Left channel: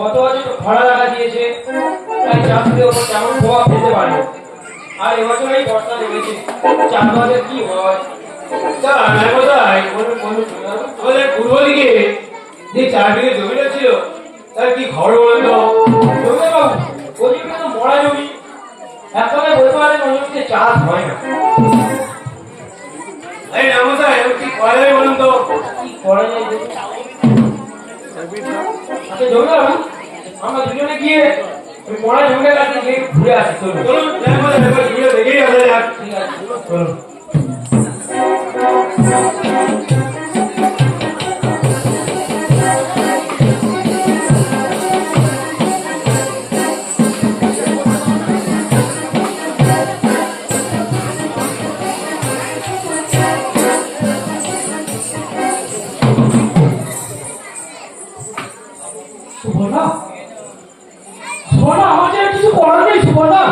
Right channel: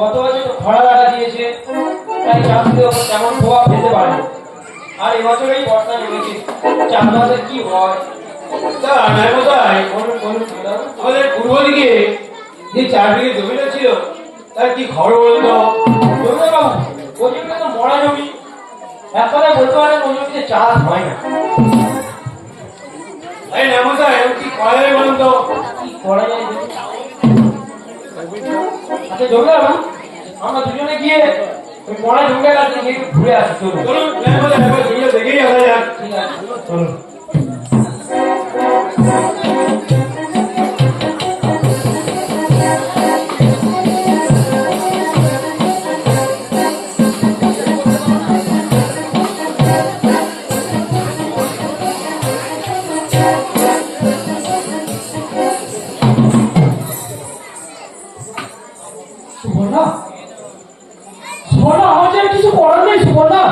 গত বছর তো খরা লাগা দিয়েছে, তাই চাষের ওপর তেমন প্রভাব ফেলতে পারে। আর এবছর এই বর্ষা লেগেছে, চাষবাসের কি হয়? আমাদের পূর্ব দিকে যে 4 বিঘে জমিটা ছিল তার কি খবর বলতো? জমি বাবু, ওই জমিটা তো মরা জমি, এক কথায় বলতে পারেন ওই জমিতে চাষ হয় না। এই নামতাই এরকম কি করা যায় বলুন তো? কি করা যায়? আচ্ছা জমি বাবু, আমরা দুজনে গিয়ে ওই মরা জমিটার কাছে গিয়ে ঘুরে আসি। চলুন জমিটা দেখেই আসা যাক। ঠিক আছে, চলুন। সুবর্ণা, সুবর্ণা, আমার যে কিছু করার নেই সুবর্ণা।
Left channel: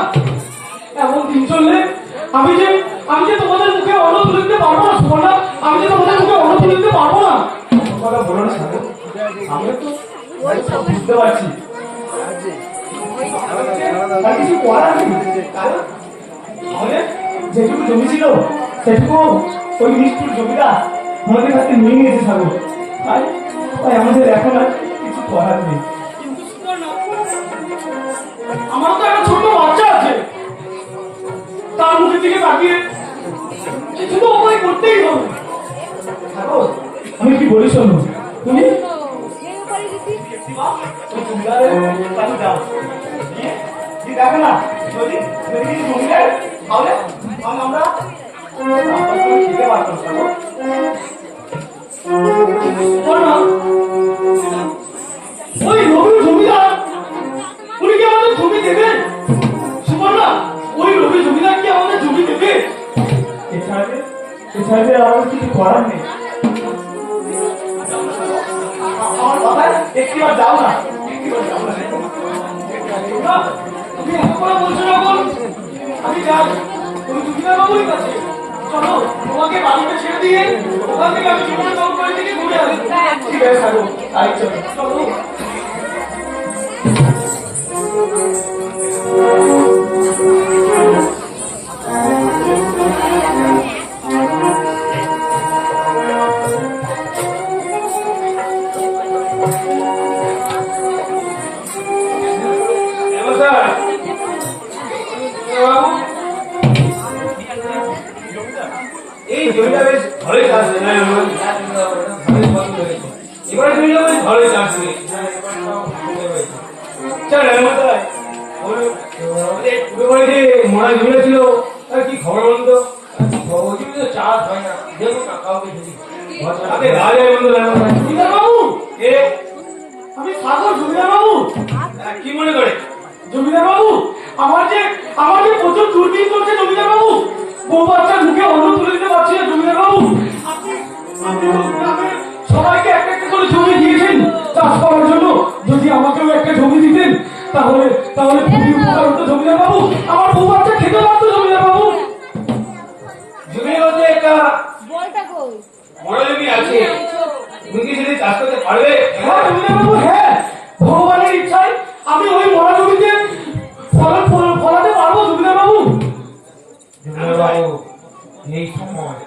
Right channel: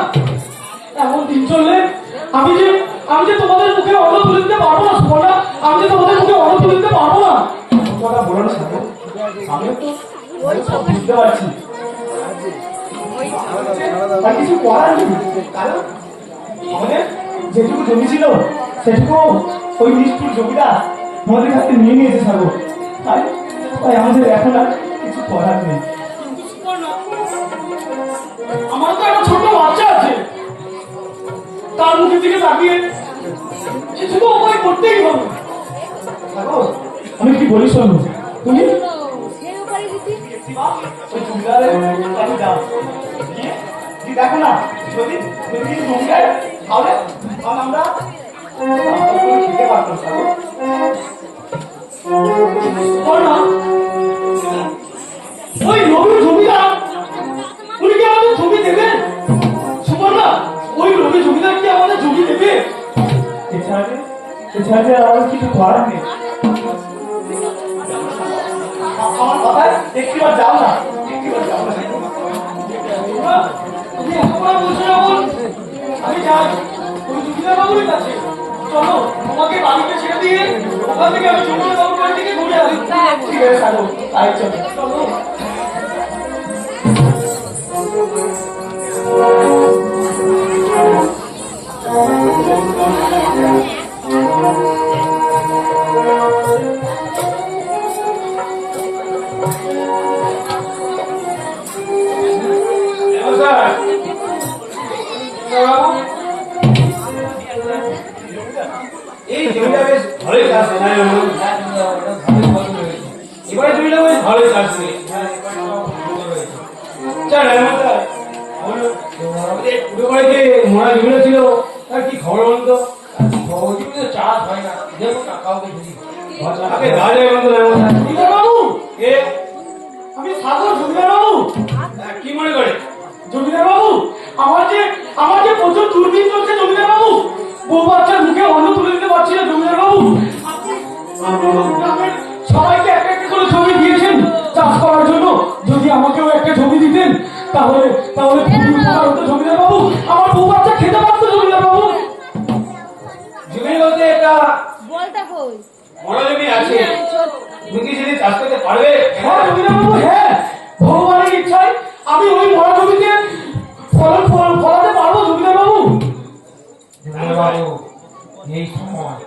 এমন দিন চললে আমি যে তোমাদের মুখে অন্ন তুলে দিতে পারবো না সুবর্ণা। আমি যে তোমাদের মুখে অন্ন তুলে দিতে পারবো না। কথা বলো না, আমিও তো বুঝতে পারছি আর কিছু করার নেই। কারণ আমাদের যেটুকু জমি ছিল সেটুকু ওই নিষ্ঠুর জমিটা আমাদের কাছে নিয়ে নিয়েছে সাগর। তাই আমাদের এখন আর কিছু করার নেই। আমার তো একটা ছোট বাচ্চা আছে, তার মুখের দিকে তাকিয়ে কিছু তো উপায় করতেই হবে। আমি কি বলি শোনো, তুমি দেখো না, যদি কিছু জমি দেয় তাহলে আমরা খেতে পারতাম। ওই রবির জমিদার উনি কি আমাদের জমি দেবেন? সুবর্ণা, ওই রবি জমিদার কি আমাদের জমি দেবে? এছাড়া আর কিছু করার নেই। আমার কথায় একটিবার যাও না, একটিবার যাও না। তুমি একবার বলছো যখন আমি যাই ওই জমিদার বাবুর কাছে। চলো তোমাকে বাড়িতে ছেড়ে দিয়ে ওখান থেকে আমি জমিদার বাবুর বাড়ি থেকে ঘুরে আসি। ঠিক আছে থাকো, তাই চলো চলো। এই জমিটা বেশ ভালোই চাষ হয় না? এবারে জমিটা বেশ ভালোই চাষ হয়। মনে জমিটা ছিল তার কি খবর বলুন তো? ওই জমিতে চাষ হয় না, দেখো না কাউকে যদি আপনি রাজা বন্ধু জমিদার বাবু, কে? আমি সাগর জমিদার বাবু। কি মনে করে? জমিদার বাবু, আমার যে প্রচুর দুর্দিন চলছে জমিদার বাবু। বউ বাচ্চার মুখে অন্ন তুলে দিতে পারছি না জমিদার বাবু। আপনি তো গ্রামের সবাইকে একটা একটা করে জমি দিয়েছেন চাষ করার জন্য। যদি আমাকেও একটা জমি দিতেন তাহলে খুবই উপকার হতো জমিদার বাবু। আমার বউ বাচ্চা খেতে পারতো জমিদার বাবু। জমি বলতে একটা বড় জমি আছে, তুমি কি সেটি চাষ করতে পারবে? হ্যাঁ জমিদার বাবু, হ্যাঁ, ভগবানের ইচ্ছায় আমি ওই মরা জমিতে ফলাতে পারবো জমিদার বাবু। এই সময়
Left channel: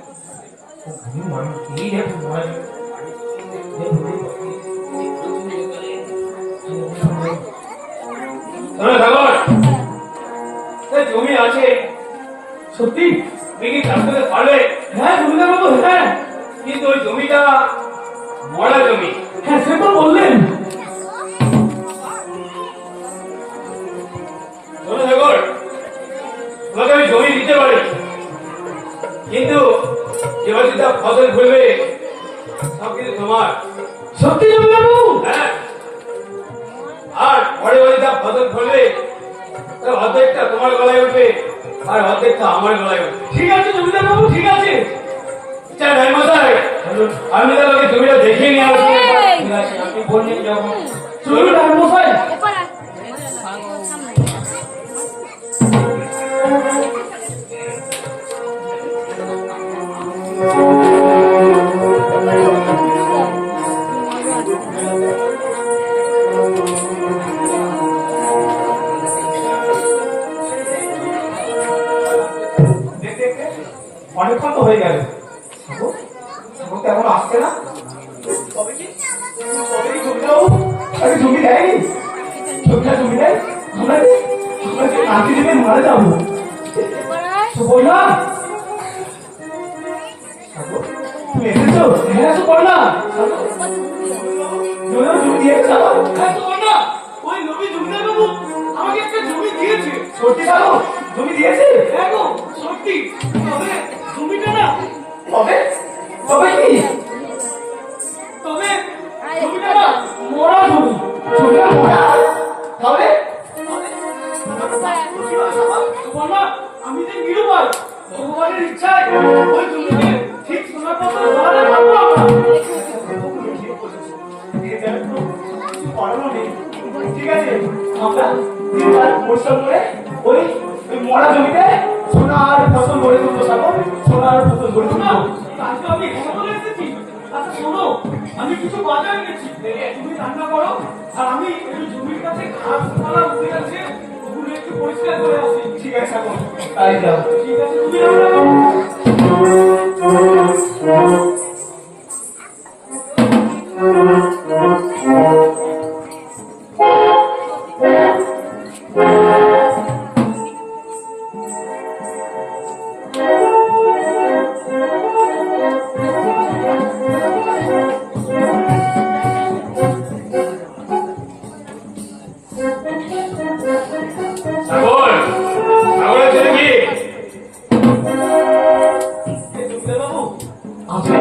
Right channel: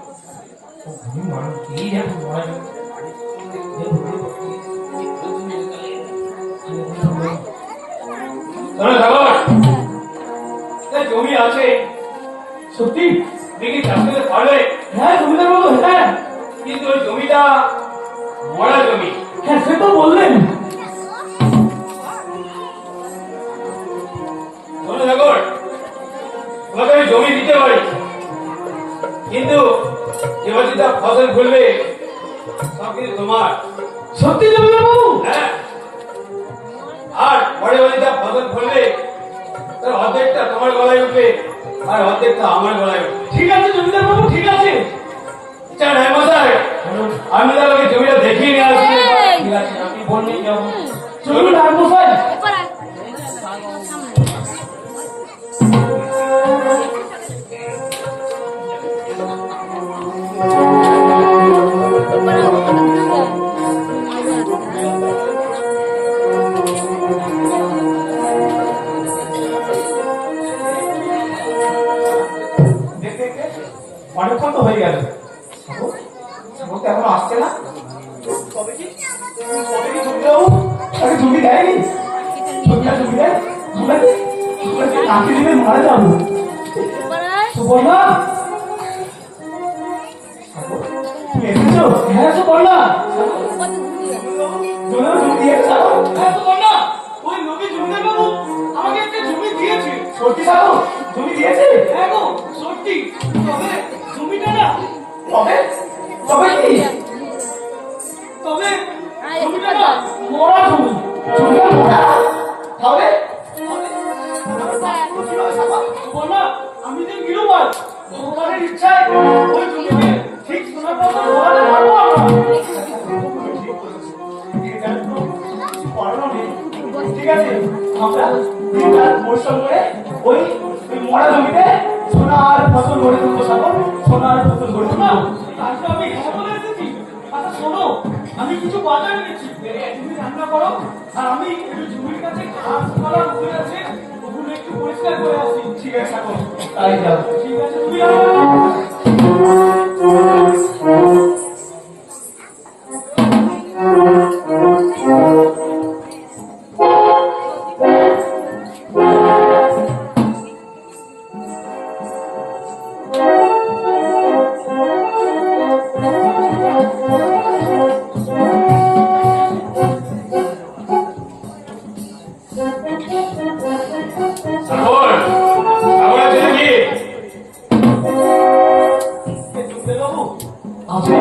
মানুষ এই দেখুন জমি আছে সত্যি? তুমি কি চাষ করতে পারবে? হ্যাঁ জমিদার বাবু, হ্যাঁ। কিন্তু ওই জমিটা মরা জমি। হ্যাঁ সে তো বললেন। তোমাকে আমি জমি দিতে পারি, কিন্তু এবার যদি ফসল ফলবে সব কিন্তু তোমার। সত্যি জমিদার বাবু? হ্যাঁ, আর পরে যদি ফসল ফলবে তার অর্ধেকটা তোমার গলায় উঠবে আর অর্ধেকটা আমার গলায় উঠবে। ঠিক আছে জমিদার বাবু, ঠিক আছে। আমি তাহলে জমিটা দেখিয়ে নিয়ে আসবো। ঠিক আছে, আপনি বললেন যখন চলুন আর মশাই। হয়ে গেল। সাগর সাগর তো এখন আসছে না। কবে কি জমিদারবাবু আরে জমি দেয়নি, জমি দেয় আমরা যে নাতি দেবে মারা যাবো। সুবর্ণা সাগর তুমি এসেছো? হ্যাঁ সুবর্ণা। জমি দিয়েছে হ্যাঁ সুবর্ণা, ওই নবী জমিদারবাবু আমাকে একটা জমি দিয়েছে। সত্যি সাগর জমি দিয়েছে? হ্যাঁ গো সত্যি। তবে জমিটা না তবে তবে কি তবে জমিটা না মরা জমি। জমিটা মরা তবে সুবর্ণা আমি যে নিরুপায়, ভগবানের ইচ্ছায় ওই জমিতে ঠিক সোনার পথে ধরাতে পারবো আমরা। ঠিক আছে আমরা পরিশ্রম করে ওই মরা জমিতে সোনার ফসল গড়ে তুলবো। সাগর সোনার ফসল গড়ে তুলবো। আজকে আমি বলে এসেছি। আচ্ছা শোনো, আমি কিছু বাজার নিয়েছি, তুমি রান্না করো আর আমি একটু জমির কাছে ঘাস পালা উঠে আছে ওগুলো একটু পরিষ্কার করে আসি। ঠিক আছে সাগর তাই যাও। ঠিক আছে তুমি সাগর সাগরের জন্য কি বাবু আচ্ছা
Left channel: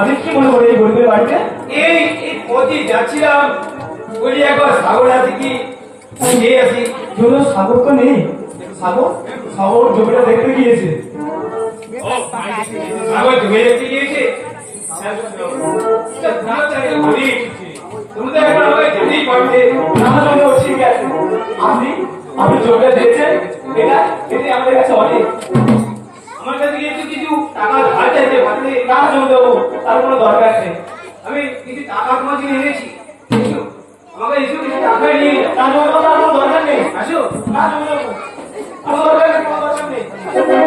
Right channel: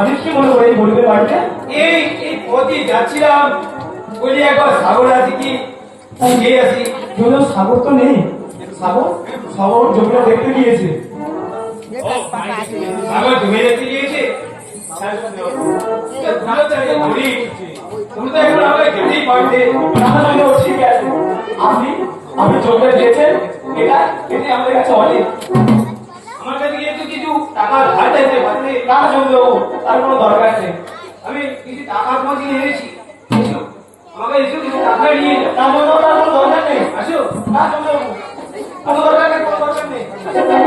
আমি কি মনে করি এই গরিবের বাড়িতে এই পথে যাচ্ছিলাম, বলি একবার সাগর আছে কি গিয়ে আসি। যদিও সাগর তো নেই। সাগর সাগর জমিটা দেখতে গিয়েছে। সাগর জমি দেখতে গিয়েছে। তুমি তো এখন আমাকে জানিই পারবে। ঠিক আছে আপনি আপনি জমিটা দেখছেন, এটা এটি আমাদের কাছে অনেক। আমার কাছে গিয়ে কিছু টাকা ধার চাইতে পারলে না জমি দেবো, তার কোনো দরকার নেই। আমি কিছু টাকা তোমার জন্য এনেছি, এসো আমাকে এসো কিছু টাকা নিয়ে যাও। না জমি দেবো, তার কোনো দরকার নেই। আসো না জমি দেবো, কোনো দরকার নেই, কোনো দরকার নেই।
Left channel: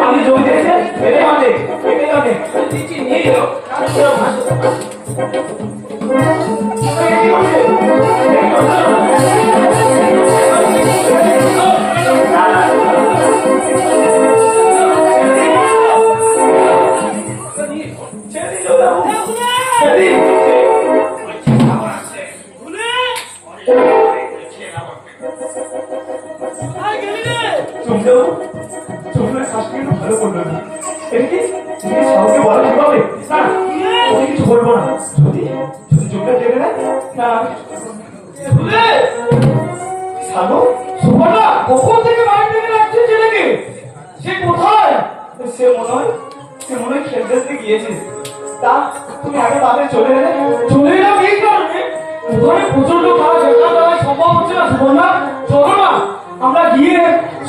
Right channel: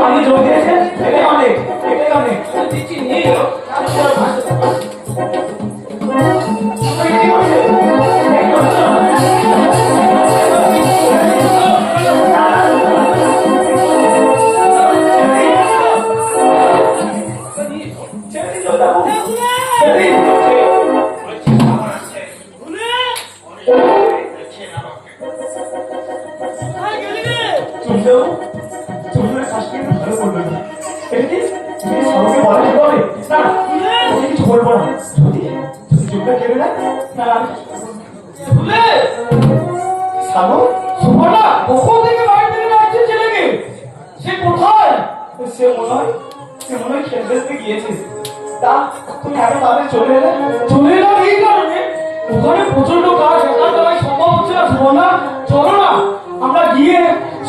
আপনি জমি দিয়েছেন, এটাই অনেক, এটাই অনেক। দিচ্ছি নিয়ে যাও। আসো আসো ছেড়ে দিন জমি দেবো, ছেড়ে দিন। চুমদেও চুমদের শাস্তি কিন্তু ভালো করলো না। এটা কি তুমি সাউকে বলা ঠিক হবে? না আমি কিছু বলবো না। যদি যদি চুমটা জেনে নেয় না আমি সাগু সুবর্ণা কখন থেকে বাড়ি থেকে যাচ্ছে ছেলেকে? সে কোথায়? সে মনে হয় খেলতে গিয়েছে। তা তুমি আগে তাদের চলে এলাম এই কারণে ওখানে প্রচন্ড কাজ, একা দ্বারা সম্ভব হচ্ছে না। সুবর্ণা চলো না আমরা গিয়ে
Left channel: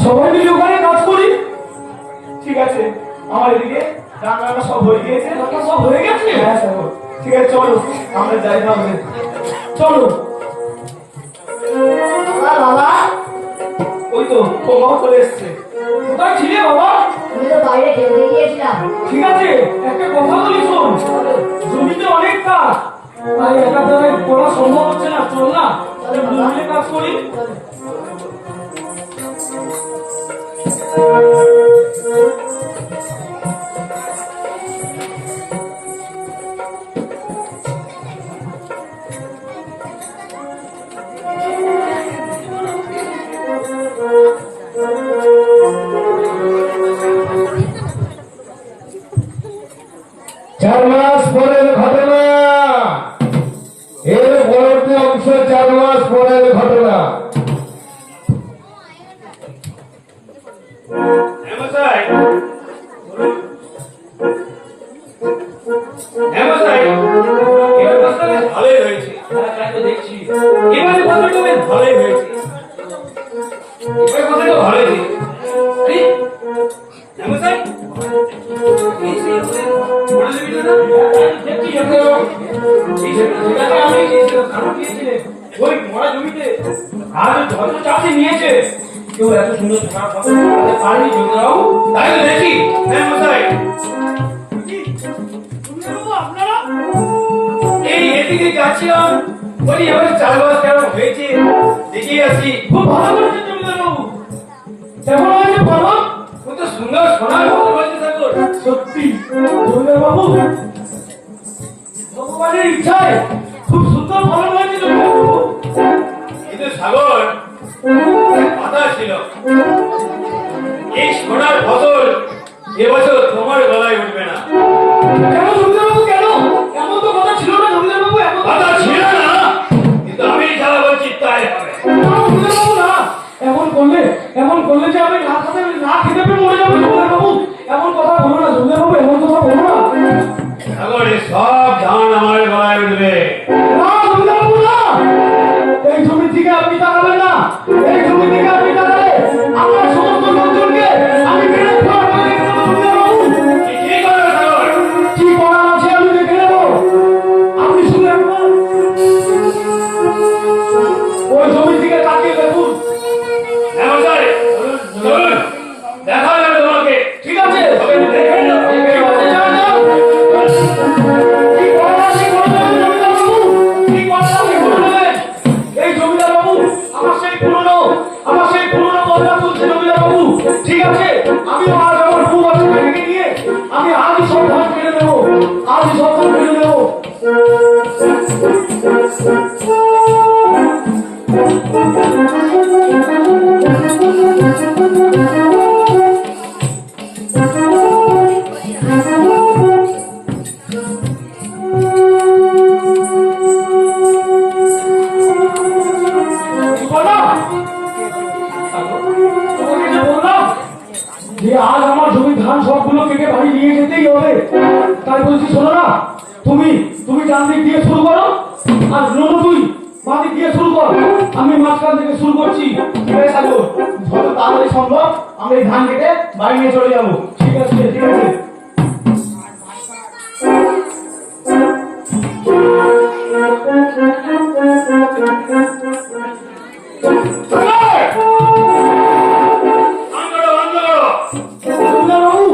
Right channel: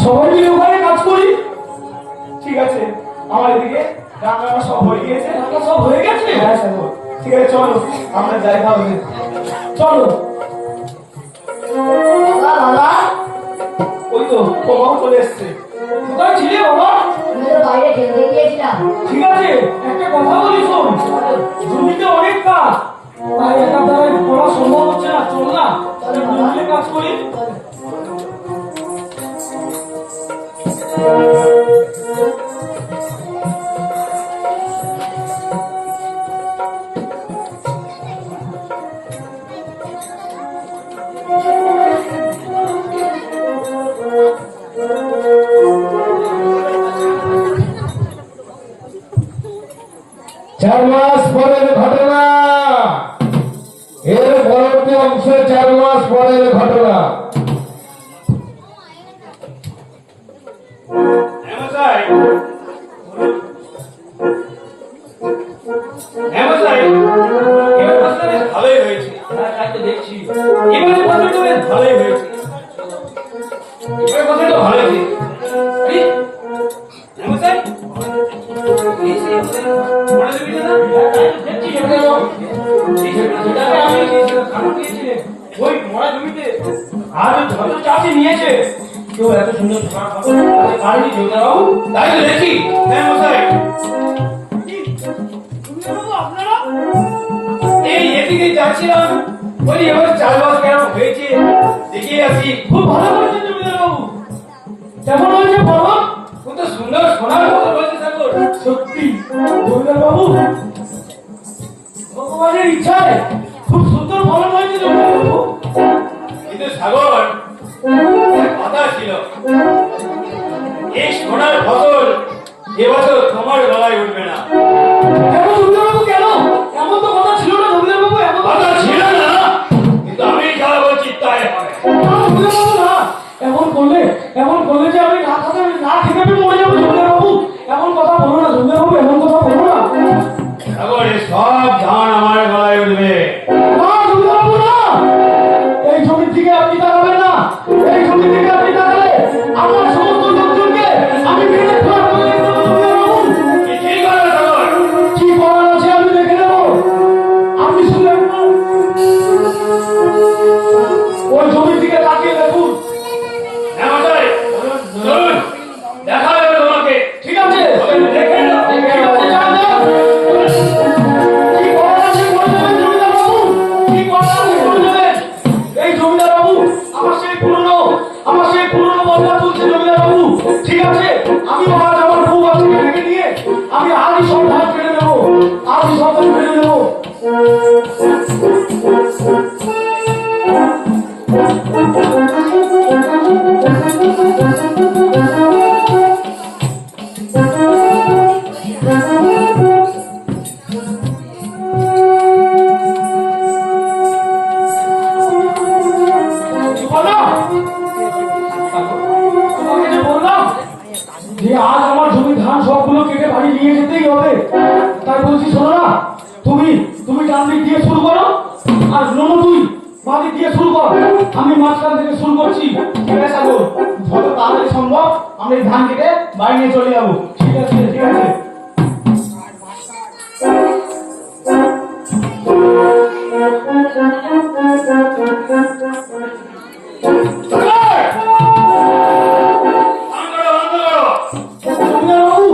সবাই মিলে ওখানে কাজ করি। ঠিক আছে আমার এদিকে রান্না সব হয়ে গিয়েছে। রান্না সব হয়ে গেছে? হ্যাঁ স্যার। ঠিক আছে চলো আমরা যাই তাহলে। চলো বাবা। ওই তো বাবা চলে এসছে। কোথায় ছিলে বাবা? আমি তো বাইরে খেলতে গিয়েছিলাম। ঠিক আছে একটা কথা বলি শোন, জমিতে অনেক কাজ, তাই একা দ্বারাই করা সম্ভব হচ্ছে না। চল না জমিতে কাজ করি। চার মাস পরের ঘটনা, এর পরবর্তী অংশ 4 মাস পরের ঘটনা। হেমসাই হেমসাই এবার ফসলটা বেশ ভালোই হয়েছে। তাই তো দেখছি। এবারে ফসলটা বেশ ভালোই হয়েছে। এবারে ফসলটা ভালো হয়েছে। হেমসাই এই সেই বড় জমিটা না? দেখছি এই জমিটাকে আমি দিয়েছিলাম, কারণ দিয়েছিলেন ওই মরা জমিতে আর যত চাষি নিয়েছে কেউ এত সুন্দর ধান ফসল করতে পারেনি। জমিদারবাবু তাই তো দেখি। হ্যাঁ মশাই কি যাচ্ছিলাম ওই এবার চারমাস কেন হয়েছে দেখে আসি। খুব ভালো করেছেন জমিদার বাবু। কেমন হয়েছে বলো? কত সুন্দর সোনার মতো বলছে ঠাকুর। সত্যি জমিদার বাবু, ভগবানের ইচ্ছায় খুব সুন্দর ফলন হয়েছে জমিদার বাবু। কিন্তু সাগর এক কথা ছিল, এই সোনার ফসল এবছর তোমার গলায় উঠবে না। কেন জমিদার বাবু, কেন? এমন তো কথা ছিল না জমিদার বাবু, এমন কথা ছিল না, কিন্তু আমি সারা বলছি তাই হবে। না জমিদার বাবু, না। এমন করলে যে আমি না খেতে পেয়ে মরে যাবো জমিদার বাবু। এমন কথা বলো না জমিদার বাবু, এমন কথা বলো না। সাগর এই সব ধান আমার গলায় উঠবে। না জমিদার বাবু, না। এই জমির দিকে আপনি তাকাবেন না। এই জমির দিকে আপনি তাকালে আমার সমস্ত লোকজনকে আমি মেরে ফেলা করে দেবো জমিদার বাবু। কি করবে সাগর? কি করার আছে আমি দেখে নেব। আপনি শুধু একবার ওই জমির দিকে তাকিয়ে দেখুন। হ্যাঁ মশাই, চলুন দেখা যাবে তোমাকে। ঠিক আছে, তবে দেখে নাও। ঠিক আছে, যান, যান। কি করার আছে করে দেবেন জমিদার বাবু, কি করার আছে করে দেবেন। এই জমিদার বাবু আমার সেই পুরনো বদলা তুলছে জমিদার বাবু। ঠিক আছে, আমি আজ আমার বউ বাচ্চাকে ডেকে নিয়ে আমি আজই সব ধান ফেলে দেবো, আজই সব ধান ফেলে দেবো। কি বললাম? তোমাকে যে বললাম যে আজ আমার জমির ধান সবগুলো কেটে বাড়ি নিয়ে যেতেই হবে। তাই বলছি শোনো না, তুমি ডান দিক দিয়ে শুরু করো, আর ননু তুই বাঁ দিক দিয়ে শুরু কর, আমি মাঝখান থেকে শুরু করছি। ঠিক আছে সাগর, যত তাড়াতাড়ি সম্ভব আমরা এই ধান কেটে বাড়ি নিয়ে চলে যাবো। ঠিক আছে, ঠিক আছে। বন্ধ করো, বন্ধ করো। জমিদার বাবু,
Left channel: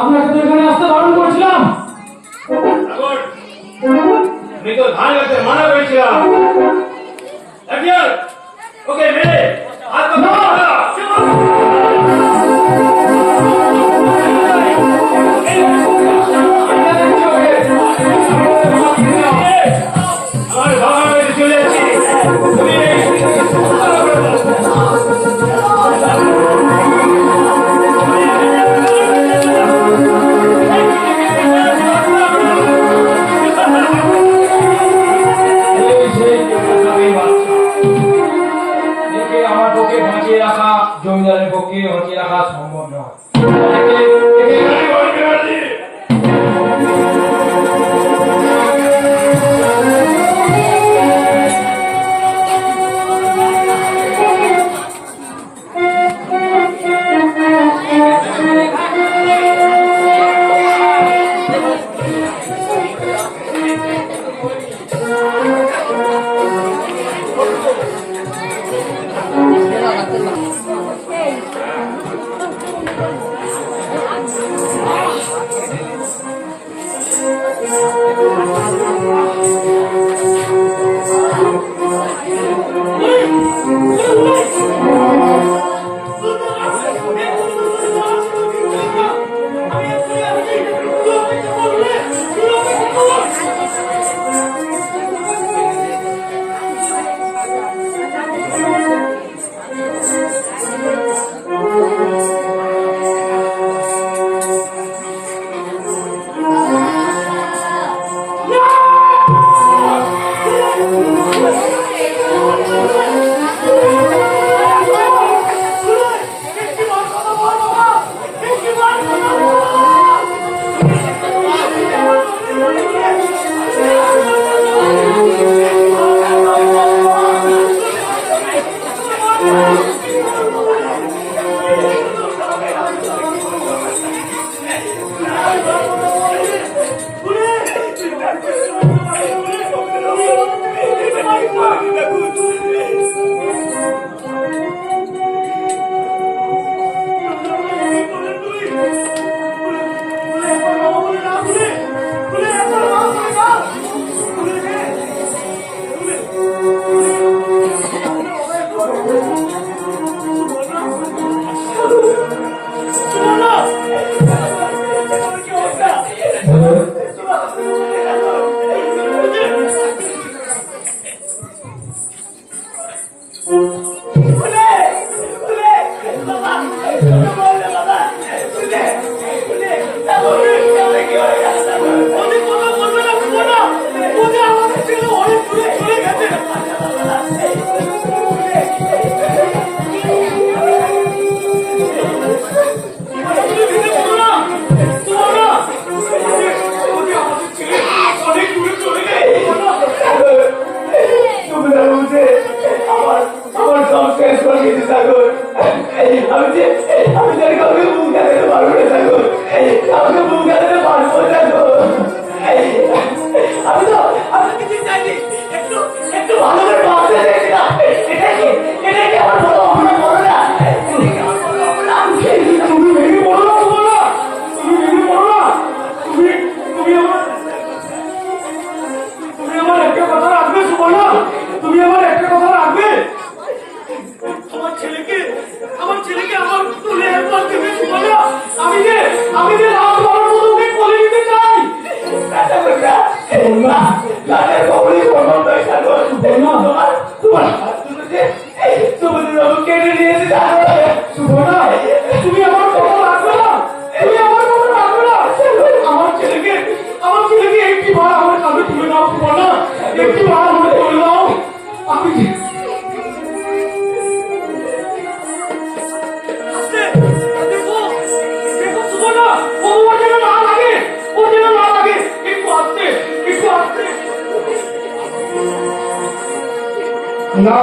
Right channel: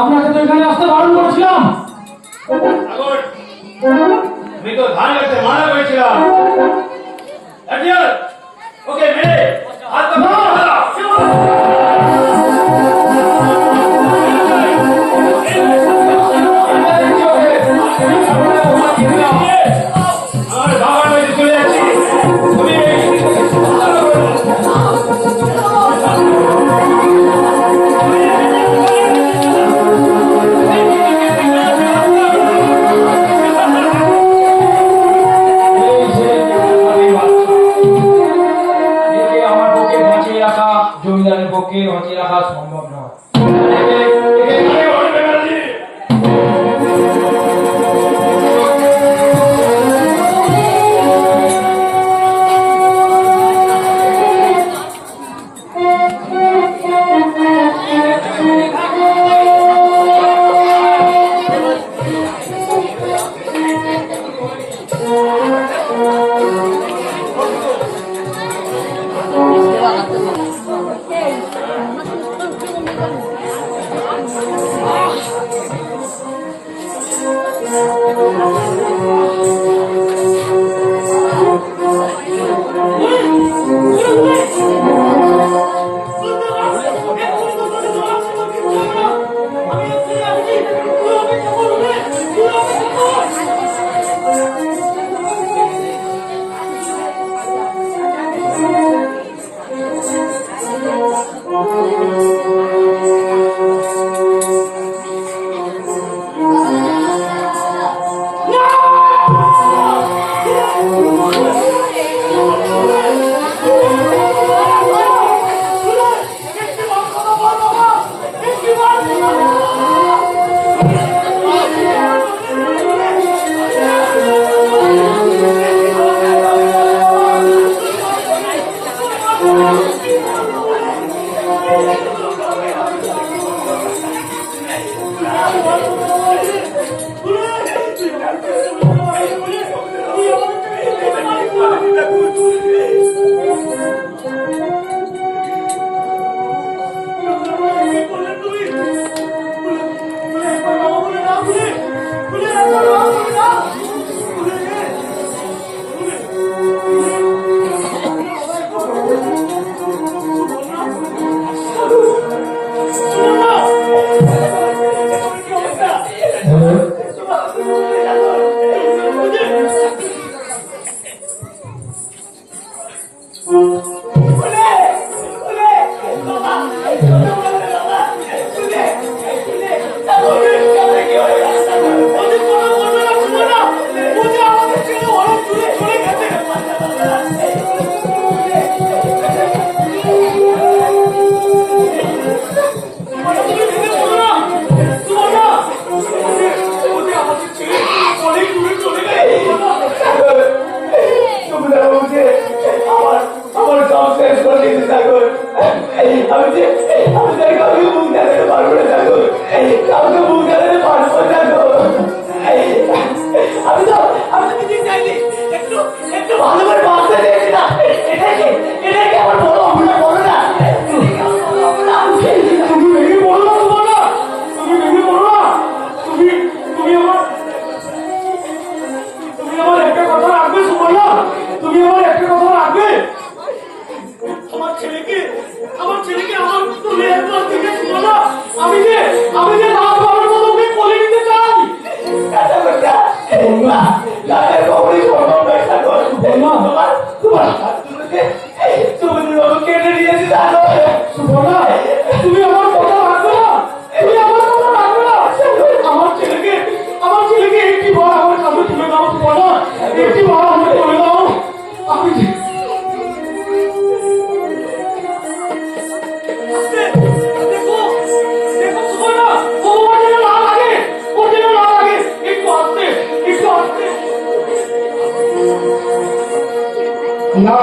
আপনাকে তো এখানে আসতে বারণ করেছিলাম। সাগর, আমি তো ধান কাটতে মানা করেছিলাম। একজন ওকে মেরে হাত পা না। আমার বাবার বাড়িতে চলে যাচ্ছি। তুমি এই যে আমি বাচ্চা, একে আমার পক্ষে বাঁচিয়ে রাখা, জমিদারের পক্ষে বাঁচিয়ে রাখা সম্ভব নয়। একে বলবে না জি। আমি জানি কাউকে বুক দেখাতে পারবো না ঠাকুর, কাউকে বুক দেখাতে পারবো না ঠাকুর। আমি তো কিছু চাইনি, একটু একটু ভালো করে বাঁচতে চেয়েছিলাম। এটা কি আমার বড় অপরাধ? বলো না, এটা কি আমার বড় অপরাধ? তুমি ভেঙে পড়ো না, বলো না, তুমি ভেঙে পড়ো না। তুমি আমার একটা কথা রাখবে সুবর্ণা, তুমি আমার একটা কথা রাখবে। আমার ছেলেকে আমার তুলে একবার দেবে সুবর্ণা। আমি যে লাভ হওয়ার মতো ওকে কোলে নিতে চাই। কেটে দিয়েছে সুবর্ণা, তুমি আমার কথা রাখবে না, তুমি আমার কথা রাখবে না। আমার ছেলেকে একটি বার আমার কাছে তুলে দাও সুবর্ণা, একটি বার আমার তুলে দাও। আমি দেখো সুবর্ণা, ওর যেন না লাগে, একটু আসতে। না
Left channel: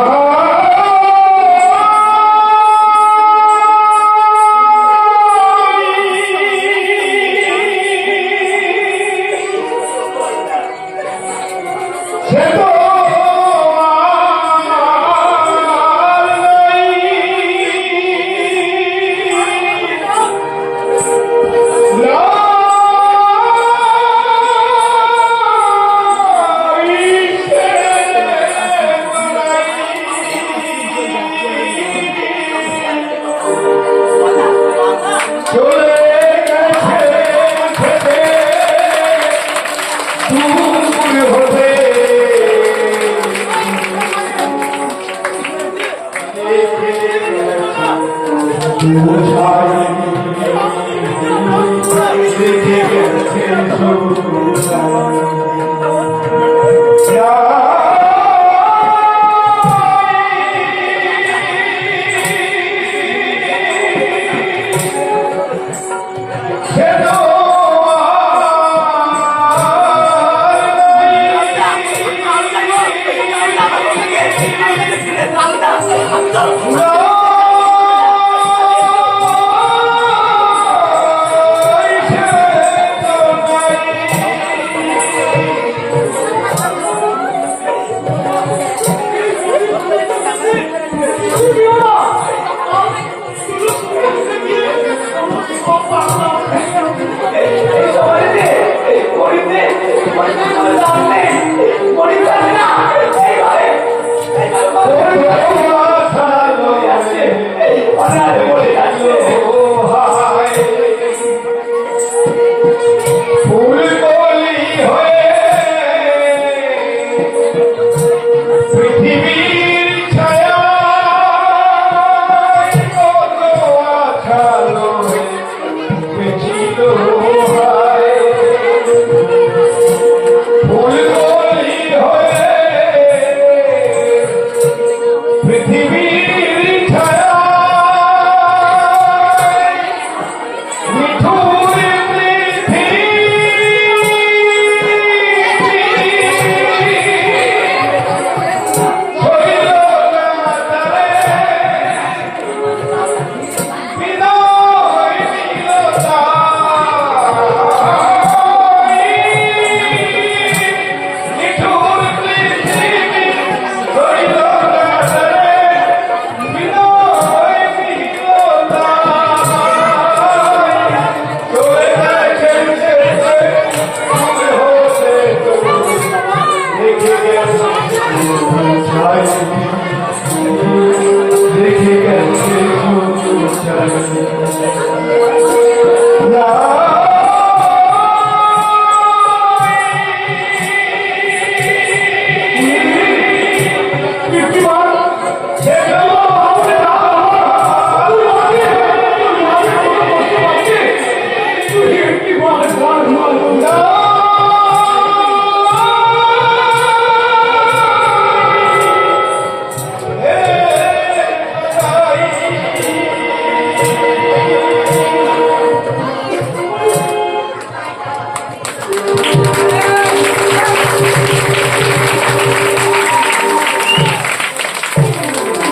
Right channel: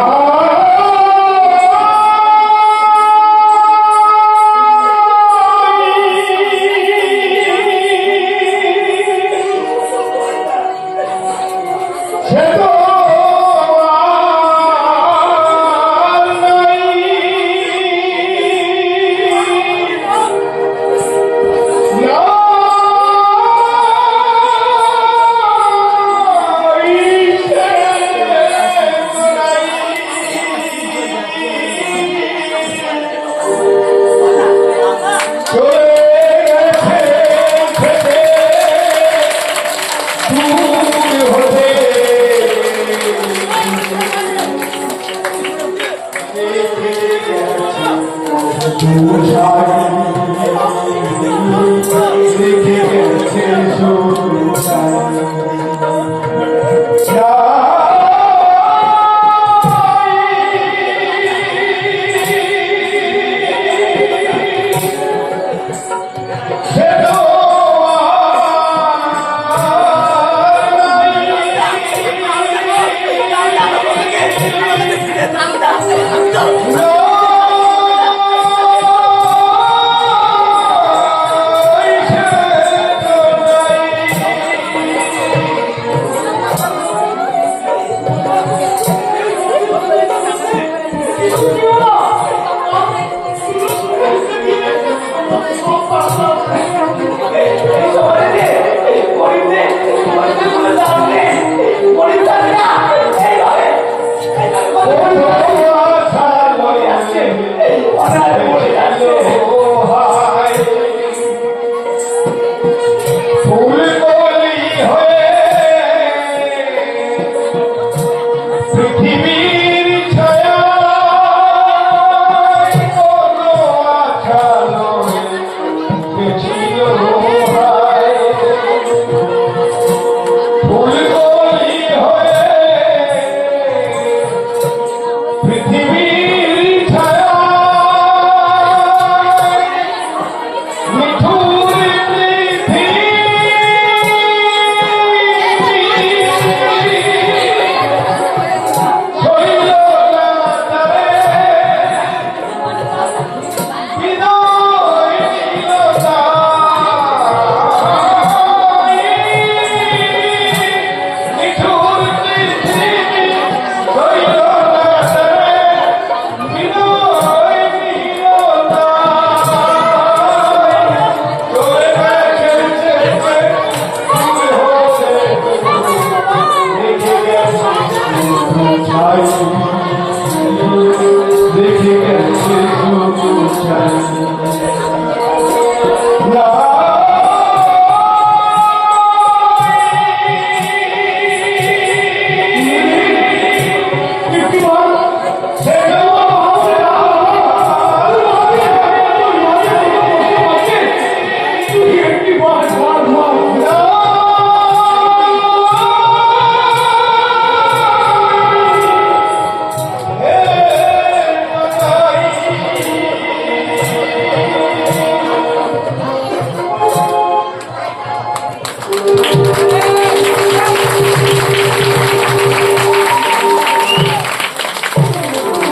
Thank you.